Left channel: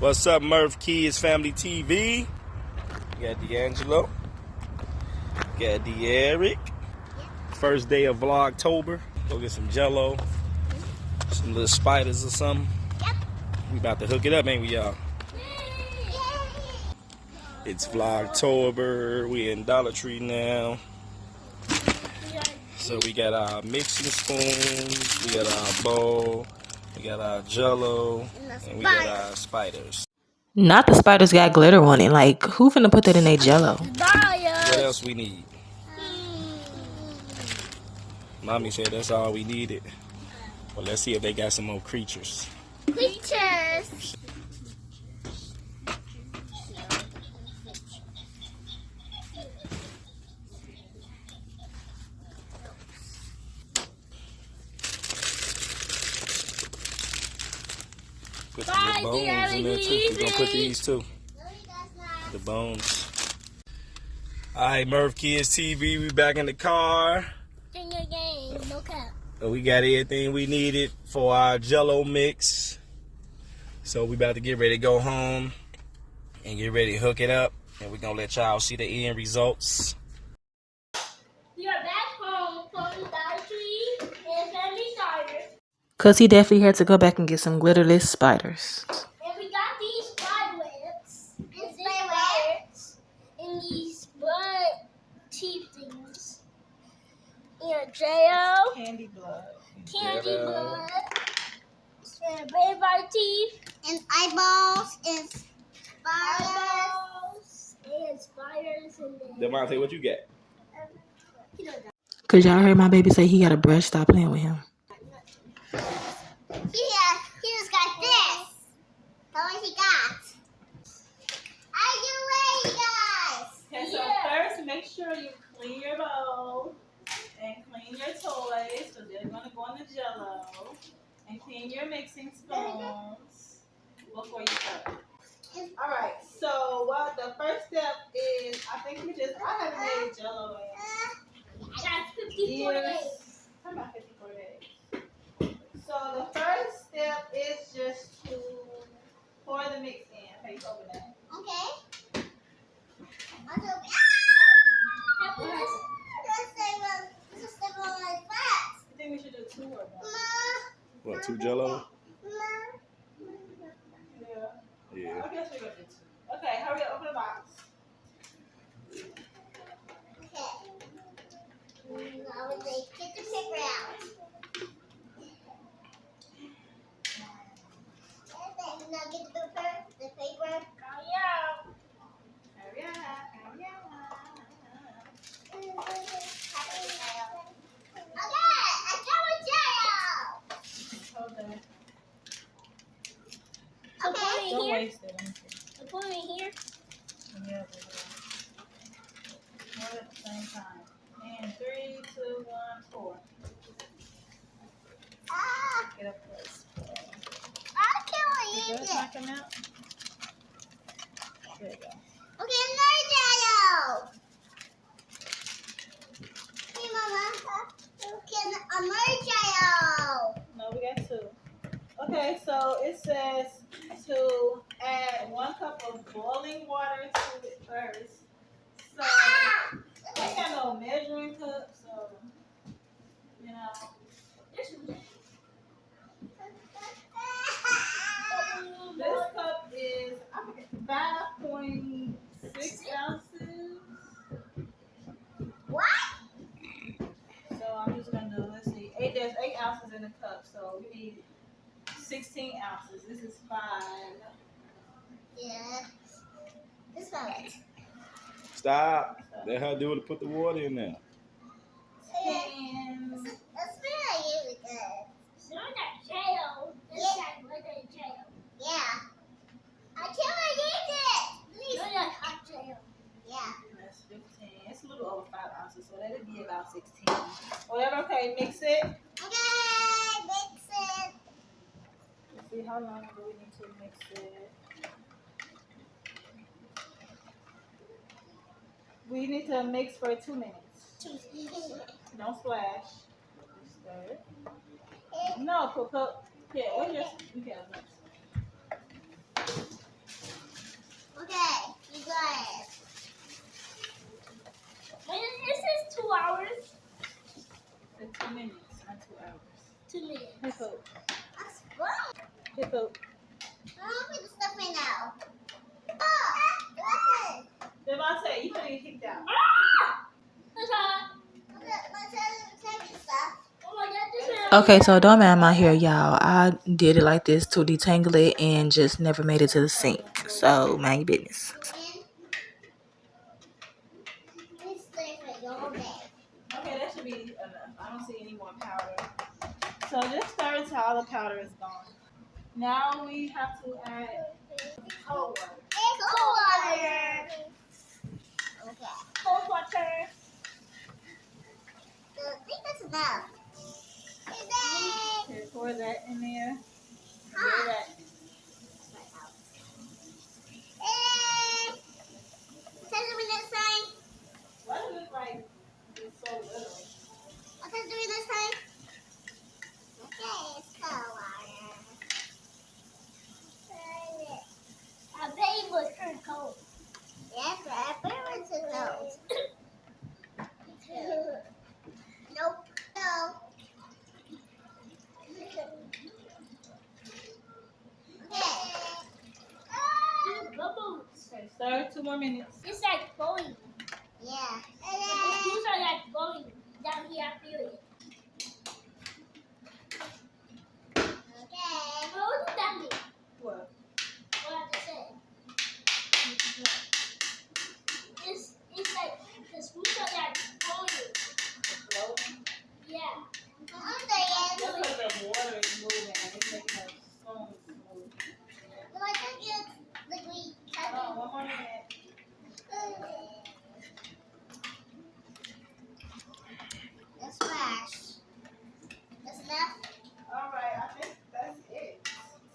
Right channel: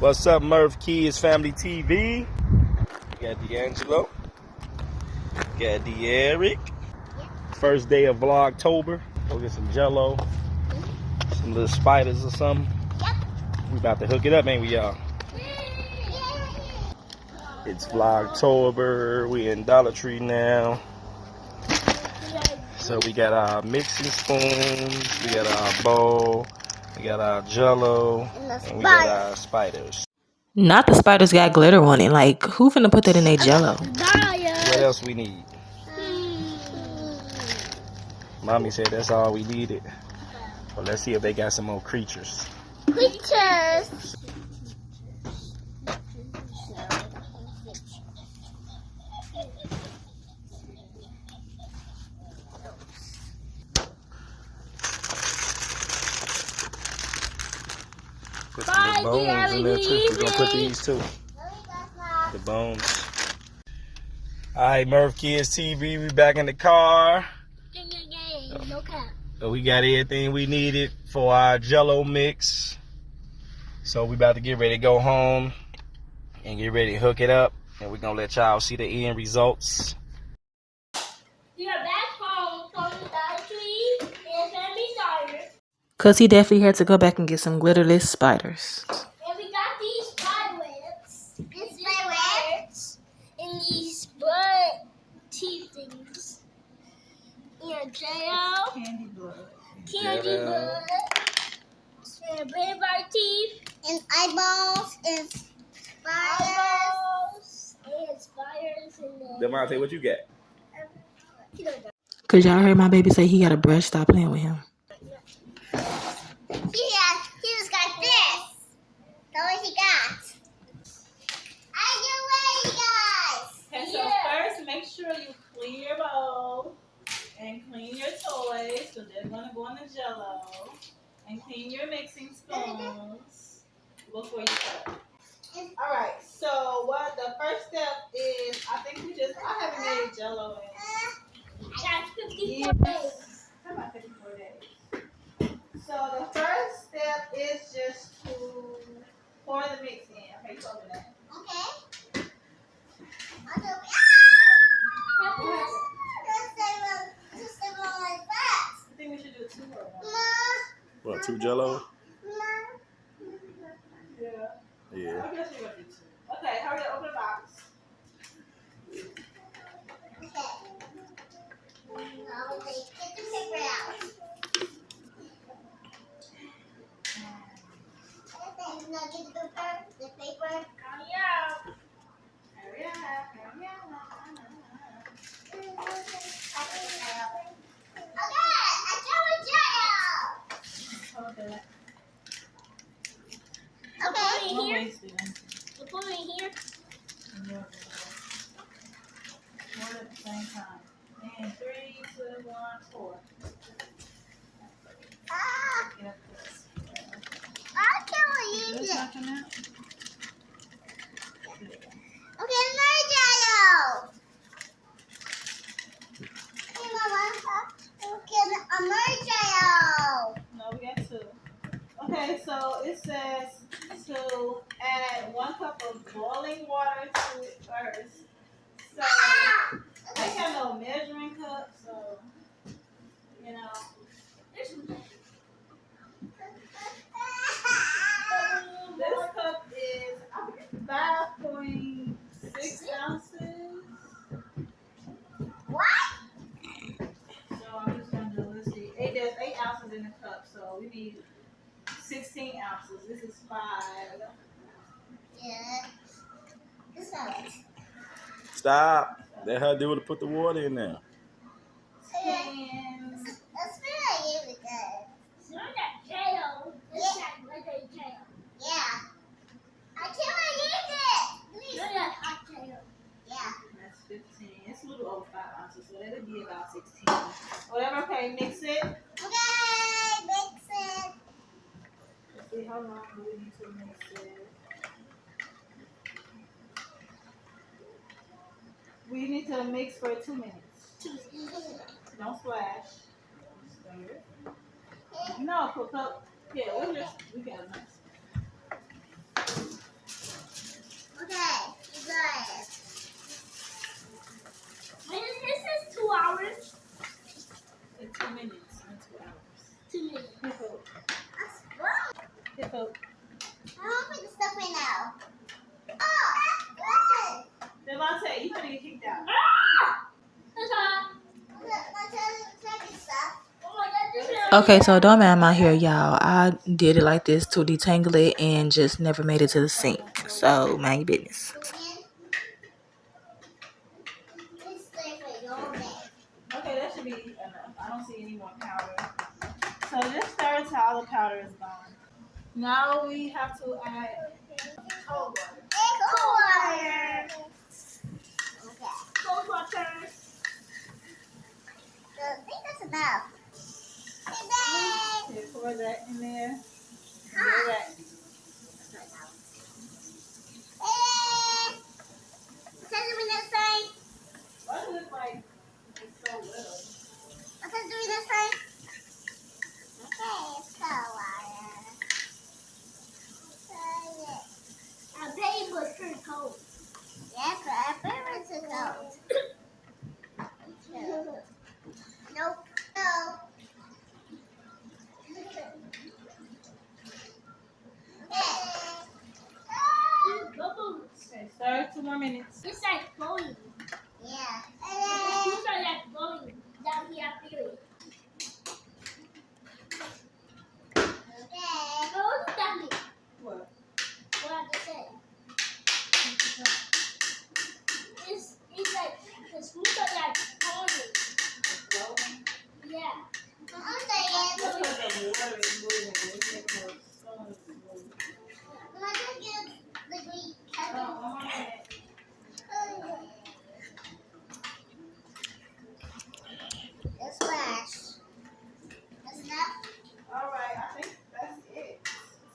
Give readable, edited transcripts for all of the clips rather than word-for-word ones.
What's up, Murph Kids Family TV? Got D'Angelo. Got D'Eric. First day of Vlogtober. Go get some Jello. Some little spiders or something. We about to hook it up, ain't we, y'all? It's Vlogtober. We in Dollar Tree now. So we got our mixing spoons. We got our bowl. We got our Jello. And we got our spiders. Not the spiders got glitter on it. Like, who finna put that in their Jello? What else we need? Mommy said that's all we needed. Well, let's see if they got some more creatures. Creatures. Put some little bones in there too. We're gonna put these too. The bones. Alright, Murph Kids TV, we back in the car. So we got everything we needed for our Jello mix. So we about to get ready to go home and get ready to hook it up. And we're gonna let y'all see the end results. We are back home from the Dollar Tree and Family Starter. Cause he definitely had to go back and get some glitterless spiders. And we got these spider webs. These spider webs. And these blood teeth things. And Jello. Candy blood. Candy blood. And vampire teeth. And eyeballs. And spiders. And spiders. And then... Demonte, what you got? Cause y'all heard my baby say he got a brush. Stop playing with him. Yeah, he just got this. That's what he got. Are you ready, guys? Okay, so first make sure you clean your bowl and clean your toys. So they're gonna go in the Jello. And clean your mixing spoons before you start. Alright, so what the first step is, I haven't made Jello in I got 54 years. days. How about 54 days? So the first step is just to pour the mix in. Okay, you open that. Okay. I think we should do 2 or 1. What, 2 Jello? Yeah. Yeah. I guess we're gonna do 2. Okay, hurry up, open the box. Now get the paper out. Now get the paper. Hurry up. Hurry up, hurry up. Okay, I got my Jello. Hold that. Okay, Don't here. waste it. So put it in here. Yeah. One at the same time. And 3, 2, 1, 4. Ah, Get up close. I can't Is use that it. not come out? There you go. Okay, more Jello. Hey, Mama. Okay, more Jello. No, we got 2. Okay, so it says to add 1 cup of boiling water to it first. So I ain't got no measuring cup, so you know. This cup is 5.6 ounces. What? So I'm just gonna do, let's see, there's 8 ounces in the cup, so we need 16 ounces. This is 5. Yeah. This one. Stop. Let her do it to put the water in there. 10. That's really good. It's not that Jello. It's that little Jello. Yeah. I can't use it. Please. Not that hot Jello. Yeah. That's 15. It's a little over 5 ounces, so that'll be about 16. Whatever, okay, mix it. Okay, mix it. Let's see, how long do we need to mix it? We need to mix for 2 minutes. Don't splash. Just stir it. No, put, yeah, we got enough. Okay, so don't mind my hair, y'all. I did it like this to detangle it and just never made it to the sink. So mind your business. Okay, that should be enough. I don't see any more powder. So just stir until all the powder is gone. Now we have to add cold water. Cold water. Okay. Cold water. I think that's enough. Okay, pour that in there. Huh. Pour that. What's doing this side? Why does it look like it's so little? What's doing this side? Okay, it's cold water. Our baby was turned cold. Yeah, our baby was turned cold. Nope. No. Okay, stir 2 more minutes. It's like blowing. Yeah. The juice are like blowing down here, I feel it. Okay. But what does that mean? What? What I just said. It's like the spoons are like blowing. Flowing? Yeah. That's because the water is moving and it's making those spoons move. But I think it's the green Oh, 1 more minute. That's flash. That's enough? Alright, I think that's it,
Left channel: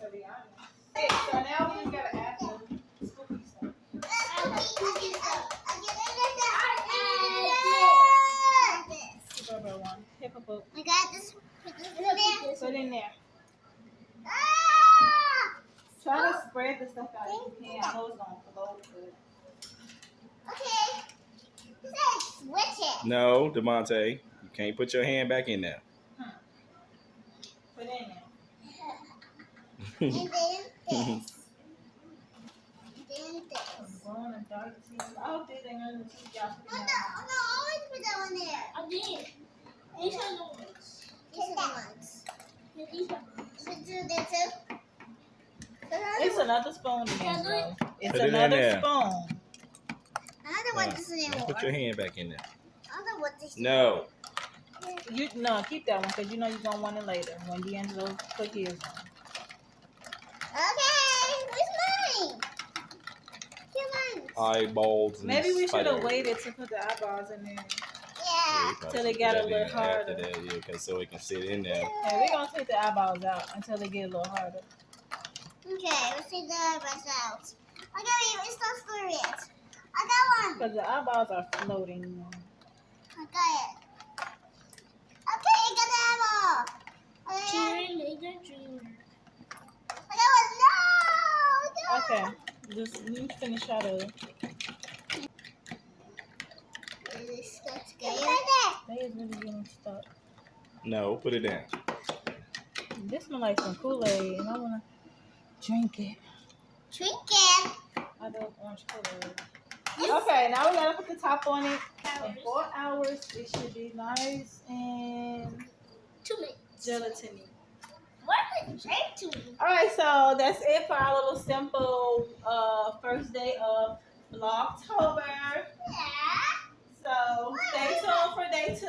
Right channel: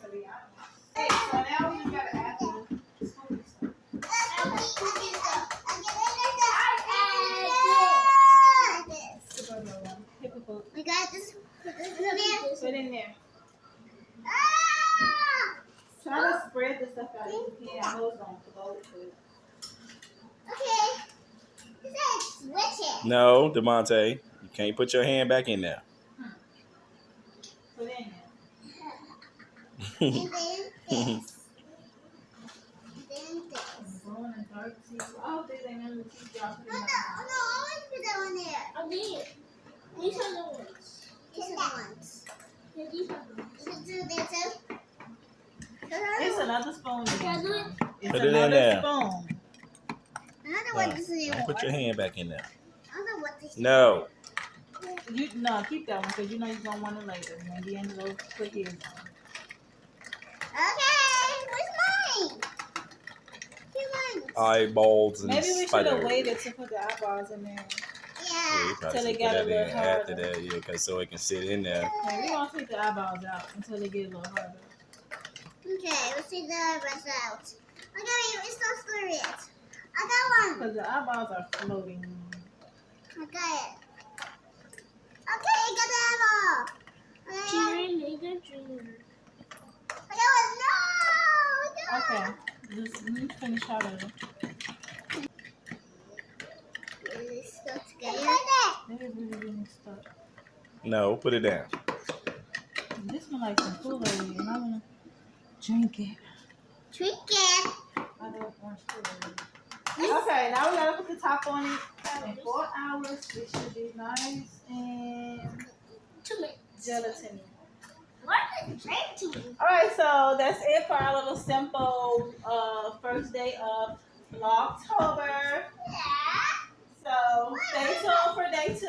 to be honest. Okay, so now we just gotta add the scoopy stuff. Super one. Paper boat. We got this. Put this in there. Put it in there. Ah! Try to spread the stuff out if you can. I know it's gonna float, but Okay. This is switch it. No, DeMonte, you can't put your hand back in there. put it in there. And then this. And then this. Brown and dark tea. I hope these ain't none of the tea y'all No, put out. always put that one there. I did. These are the ones. These are the ones. Yeah, these are the ones. Should do this too? It's another spoon in there. Bro. It's Put it in another there. spoon. Another one doesn't even Don't put your hand back in there. Another one doesn't No. You no, keep that one because you know you're gonna want it later when D'Angelo put his on. Okay, where's mine? Here's mine. Eyeballs and Maybe we should spiders. have waited to put the eyeballs in there. Yeah, Yeah. you probably Till it should got put a that little in harder. after that, yeah, cause so it can sit in there. Okay, we're gonna take the eyeballs out until they get a little harder. Okay, let's take the rest out. Okay, it's not stir it. I got one. Because the eyeballs are floating. I got it. Okay, I got the eyeball. I got one. No! I got Okay, just let me finish out of it. Let's go together. They is really getting stuck. No, put it down. This smells like some Kool-Aid and I wanna drink it. Drink it. I do orange Kool-Aid. Okay, now we gotta put the top on it. In 4 hours, it should be nice and 2 minutes. gelatiny. What is drink to me? Alright, so that's it for our little simple first day of Vlogtober. Yeah. So stay tuned for day 2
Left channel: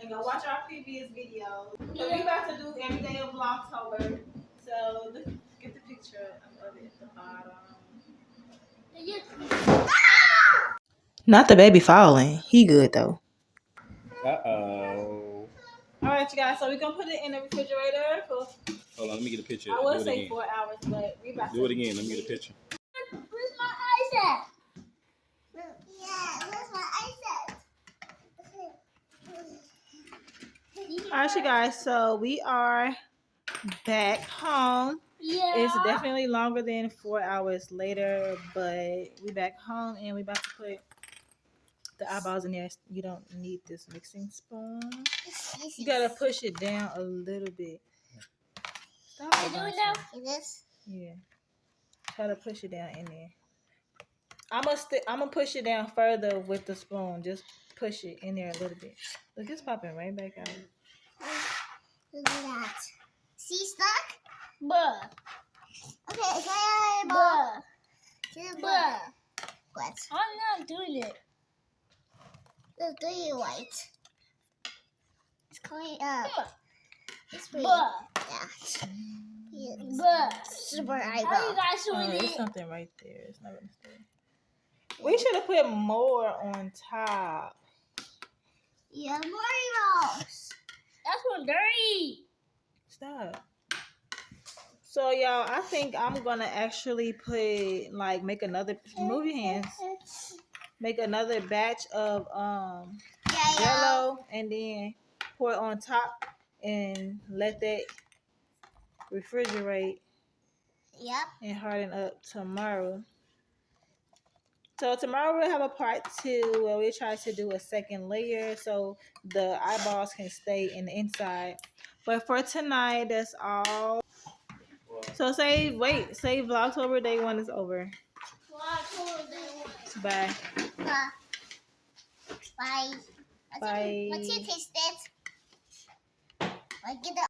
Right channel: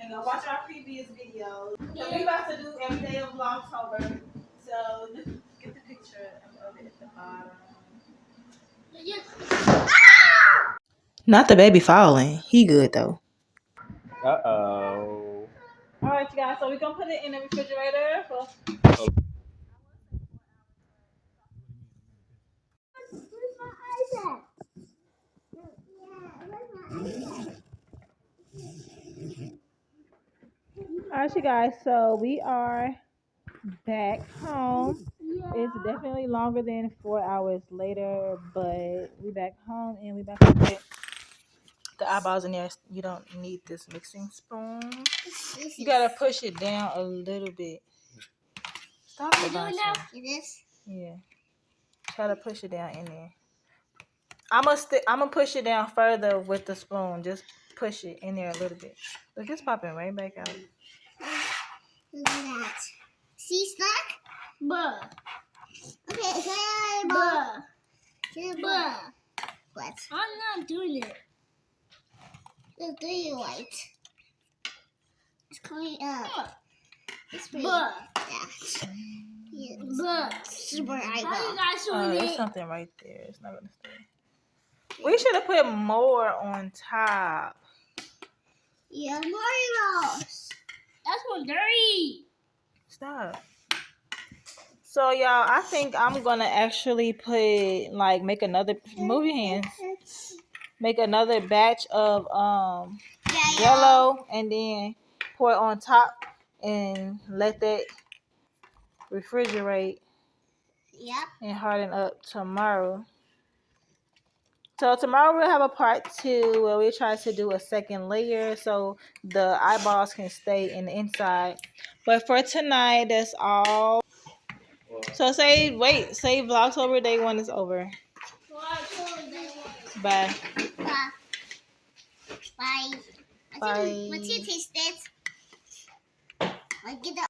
and go watch our previous videos. So we about to do every day of Vlogtober. So get the picture of it at the bottom. Not the baby falling. He good though. Uh-oh. Alright, you guys, so we're gonna put it in the refrigerator for Hold on, let me get a picture. I Do would it say again. 4 hours, but we about Do to it again. Let me get a picture. Where's my eyes at? Yeah, where's my eyes at? Alright, you guys, so we are back home. Yeah. It's definitely longer than 4 hours later, but we back home and we about to put the eyeballs in there. You don't need this mixing spoon. You gotta push it down a little bit. Stop Are it, you doing Bonson. now? This? Yeah. Try to push it down in there. I'm gonna push it down further with the spoon. Just push it in there a little bit. Look, it's popping right back out. Look at that. See, snack? Buh. Okay, say buh. Say buh. What? I'm not doing it. Look, do you white? It's coming up. Buh. It's pretty. Buh. Yeah. Yes. Buh. Super eyebrow. How you guys doing it? There's something right there. It's not gonna stay. We should have put more on top. Yeah, Mario's. That's one dirty. Stop. So y'all, I think I'm gonna actually put make another move your hands. Make another batch of Jello and then pour it on top and let that refrigerate. Yep. And harden up tomorrow. So tomorrow we'll have a part 2 where we try to do a second layer so the eyeballs can stay in the inside. But for tonight, that's all. So say Vlogtober day 1 is over. Bye. Bye. Bye. Bye. What's your taste it? I get the